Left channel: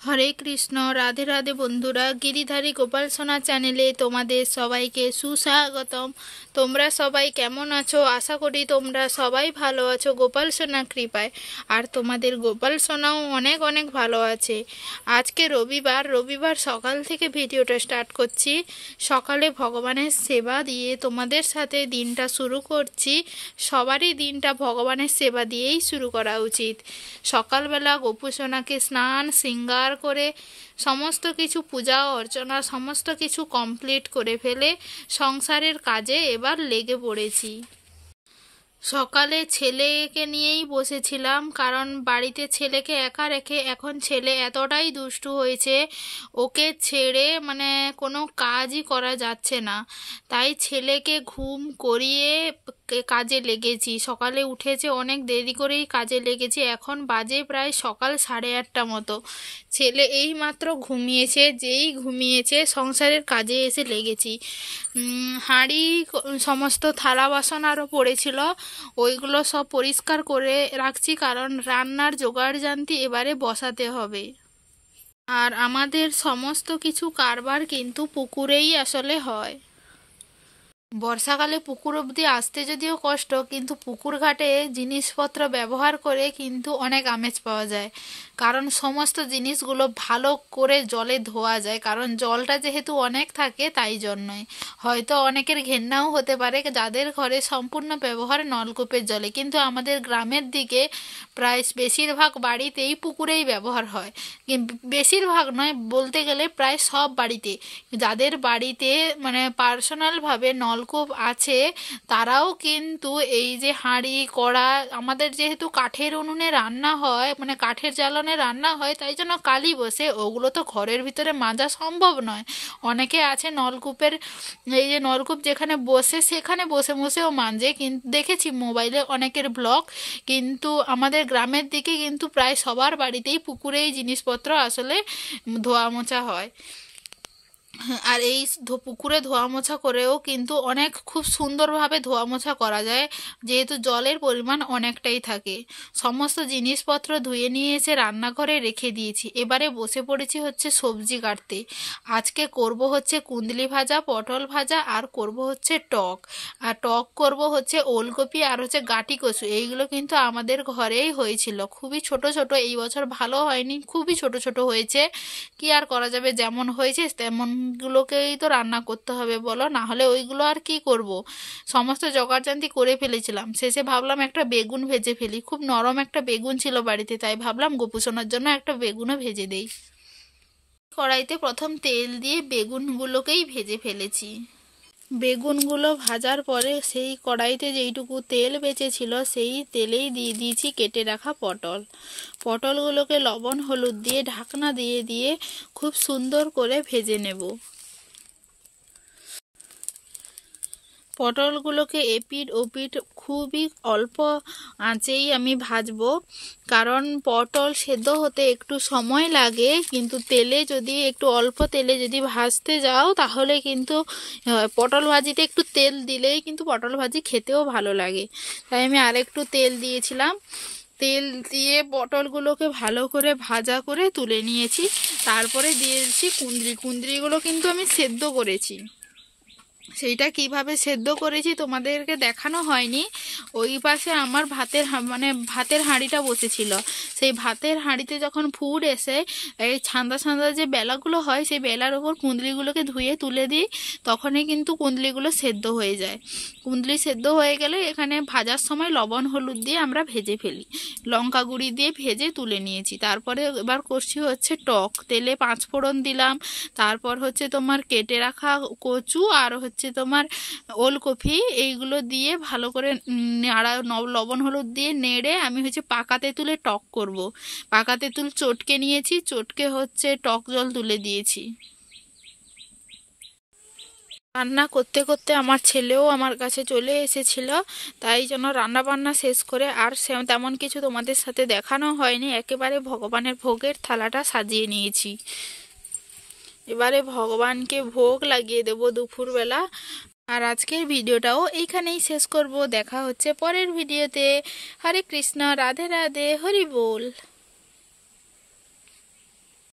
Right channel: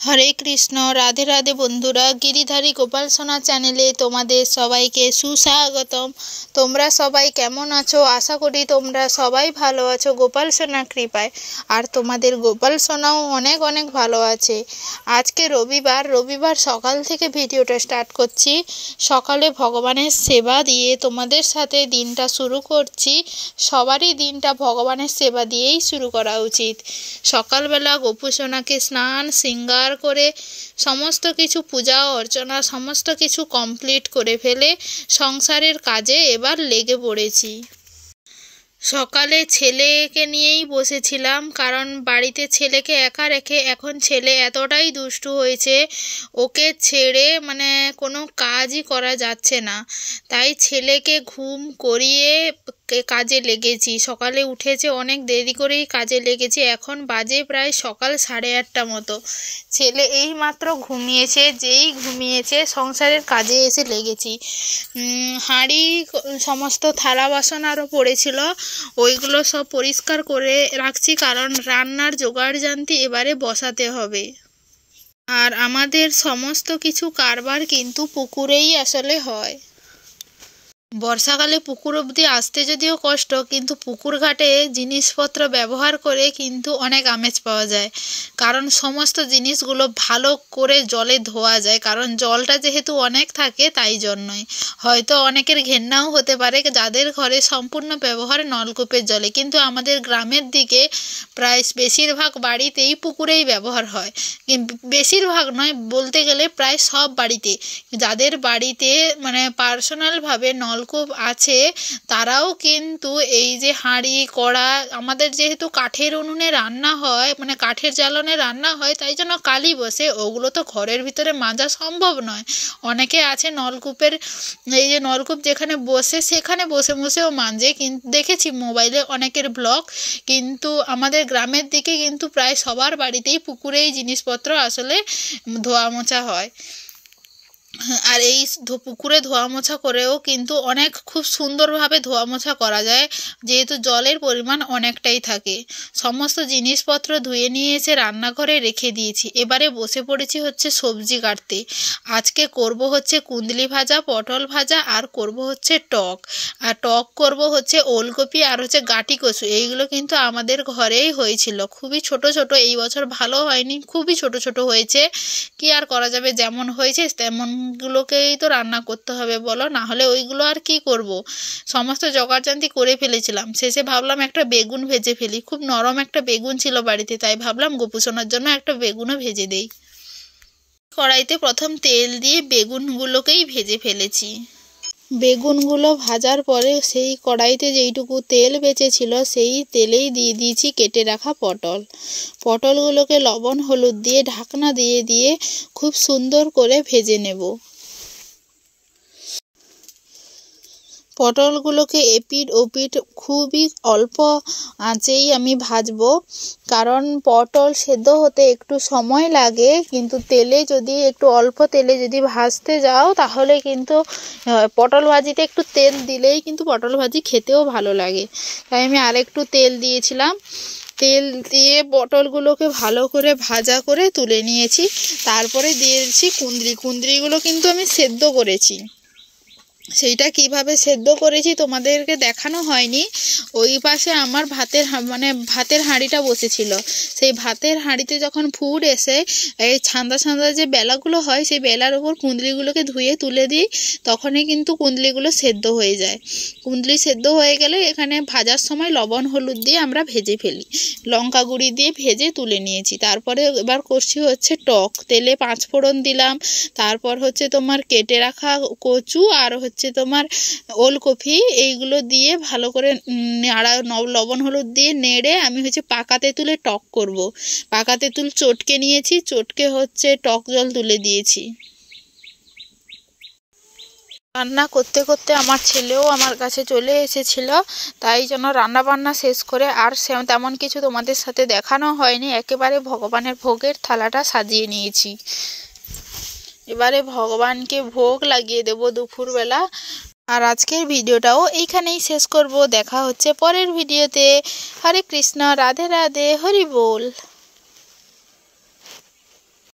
হরে কৃষ্ণ। রাধে রাধে বন্ধুরা, গিরিধারী গোপাল সোনা চ্যানেলে তোমাদের সবাইকে সুস্বাগতম। তোমরা সবাই কেমন আছো? আশা করি তোমরা সবাই ভালো আছো গোপাল সোনার কৃপায়। আর তোমাদের গোপাল সোনাও অনেক অনেক ভালো আছে। আজকে রবিবার সকাল থেকে ভিডিওটা স্টার্ট করছি। সকালে ভগবানের সেবা দিয়ে তোমাদের সাথে দিনটা শুরু করছি। সবারই দিনটা ভগবানের সেবা দিয়েই শুরু করা উচিত। সকালবেলা গোপু সোনাকে স্নান শৃঙ্গার করে সমস্ত কিছু পূজা অর্চনা সমস্ত কিছু কমপ্লিট করে ফেলে সংসারের কাজে এবার লেগে পড়েছি। সকালে ছেলেকে নিয়েই বসেছিলাম, কারণ বাড়িতে ছেলেকে একা রেখে এখন ছেলে এতটাই দুষ্টু হয়েছে, ওকে ছেড়ে কোনো কাজই করা যাচ্ছে না। তাই ছেলেকে ঘুম করিয়ে কাজে লেগেছি। সকালে উঠেছে অনেক দেরি করেই কাজে লেগেছি। এখন বাজে প্রায় সকাল 8:30 মতো। ছেলে এই মাত্র ঘুমিয়েছে, যেই ঘুমিয়েছে সংসারের কাজে এসে লেগেছি। হাঁড়ি সমস্ত থালা বাসন আরও পড়েছিল, ওইগুলো সব পরিষ্কার করে রাখছি, কারণ রান্নার জোগাড় জানতি এবারে বসাতে হবে। আর আমাদের সমস্ত কিছু কারবার কিন্তু পুকুরেই আসলে হয়। বর্ষাকালে পুকুর অবধি আসতে যদিও কষ্ট, কিন্তু পুকুর ঘাটে জিনিসপত্র ব্যবহার করে কিন্তু অনেক আমেজ পাওয়া যায়। কারণ সমস্ত জিনিসগুলো ভালো করে জলে ধোয়া যায়, কারণ জলটা যেহেতু অনেক থাকে তাই জন্যই। হয়তো অনেকের ঘেন্নাও হতে পারে যাদের ঘরে সম্পূর্ণ ব্যবহার নলকূপের জলে, কিন্তু আমাদের গ্রামের দিকে প্রায় বেশিরভাগ বাড়িতেই পুকুরেই ব্যবহার হয়। বেশিরভাগ নয়, বলতে গেলে প্রায় সব বাড়িতে। যাদের বাড়িতে পার্সোনালভাবে নলকূপ আছে তারাও কিন্তু এই যে হাঁড়ি কড়া, আমাদের যেহেতু কাঠের উনুনে রান্না হয়, কাঠের জ্বালানে রান্না হয়, তাই জন্য কালি বসে, ওগুলো তো ঘরের ভিতরে মাজা সম্ভব নয়। অনেকে আছে নলকূপের, এই যে নলকূপ যেখানে বসে সেখানে বসে বসেও মাজে, কিন্তু দেখেছি মোবাইলে অনেকের ব্লগ। কিন্তু আমাদের গ্রামের দিকে কিন্তু প্রায় সবার বাড়িতেই পুকুরেই জিনিসপত্র আসলে ধোয়া মোছা হয়। আর এই পুকুরে ধোয়া মোছা করেও কিন্তু খুব সুন্দরভাবে ধোয়া মোছা করা যায়, যেহেতু জলের পরিমাণ অনেকটাই থাকে। সমস্ত জিনিসপত্র ধুয়ে নিয়ে এসে রান্নাঘরে রেখে দিয়েছি। এবারে বসে পড়েছি হচ্ছে সবজি কাটতে। আজকে করব হচ্ছে কুন্দলি ভাজা, পটল ভাজা, আর করব হচ্ছে টক। আর টক করব হচ্ছে ওলকপি আর হচ্ছে গাঁটি কচু। এইগুলো কিন্তু আমাদের ঘরেই হয়েছিল, খুবই ছোট ছোট। এই বছর ভালো হয়নি, খুবই ছোট ছোট হয়েছে। কি আর করা যাবে, যেমন হয়েছে তেমনগুলোকেই তো রান্না করতে হবে বলো, না হলে ওইগুলো আর কি করব। সমস্ত জোগাড়জান্তি করে ফেলেছিলাম, শেষে ভাবলাম একটা বেগুন ভেজে ফেলি। খুব নরম একটা বেগুন ছিল বাড়িতে, তাই ভাবলাম গোপুসোনার জন্য একটা বেগুনও ভেজে দেই। কড়াইতে প্রথম তেল দিয়ে বেগুনগুলোকেই ভেজে ফেলেছি। বেগুনগুলো ভাজার পরে সেই কড়াইতে যেইটুকু তেল বেঁচেছিল সেই তেলেই দিয়ে দিয়েছি কেটে রাখা পটলগুলোকে লবণ হলুদ দিয়ে ঢাকনা দিয়ে দিয়ে খুব সুন্দর করে ভেজে নেব। পটলগুলোকে এপিঠ ওপিঠ খুবই অল্প আঁচেই আমি ভাজবো, কারণ পটল সেদ্ধ হতে একটু সময় লাগে। কিন্তু একটু অল্প তেলে যদি ভাজতে যাও তাহলে কিন্তু পটল ভাজিতে একটু তেল দিলেই কিন্তু পটল ভাজি খেতেও ভালো লাগে। তাই আমি আরেকটু তেল দিয়েছিলাম। তেল দিয়ে পটলগুলোকে ভালো করে ভাজা করে তুলে নিয়েছি। তারপরে দিয়েছি কুঁদরিগুলো কিন্তু আমি সেদ্ধ করেছি। সেইটা কিভাবে সেদ্ধ করেছি তোমাদেরকে দেখানো হয়নি। ওই পাশে আমার ভাতের হাঁড়িটা বসেছিল। সেই ভাতের হাঁড়িতে যখন ফুট এসে এই ছান্দা ছান্দা যে বেলাগুলো হয়, সেই বেলার ওপর কুঁদলিগুলোকে ধুয়ে তুলে দিই, তখনই কিন্তু কুঁদলিগুলো সেদ্ধ হয়ে যায়। কুঁদলি সেদ্ধ হয়ে গেলে এখানে ভাজার সময় লবণ হলুদ দিয়ে আমরা ভেজে ফেলি, লঙ্কা গুঁড়ি দিয়ে ভেজে তুলে নিয়েছি। তারপরে এবার করছি হচ্ছে টক। তেলে 5 ফোড়ন দিলাম, তারপর হচ্ছে তোমার কেটে রাখা কচু আর হচ্ছে তোমার ওলকপি, এইগুলো দিয়ে ভালো করে লবণ হলুদ দিয়ে নেড়ে আমি হচ্ছে পাকা তেঁতুলে টক করব। পাকা তেঁতুল চটকে নিয়েছি, চটকে হচ্ছে টক জল তুলে দিয়েছি। রান্না করতে করতে আমার ছেলেও আমার কাছে চলে এসেছিল, তাই জন্য রান্না বান্না শেষ করে আর তেমন কিছু তোমাদের সাথে দেখানো হয়নি। একেবারে ভগবানের ভোগের থালাটা সাজিয়ে নিয়েছি। এবারে ভগবানকে ভোগ লাগিয়ে দেব দুপুরবেলা। আর আজকের ভিডিওটাও এইখানেই শেষ করব। দেখা হচ্ছে পরের ভিডিওতে। হরে কৃষ্ণ, রাধে রাধে, হরি বল।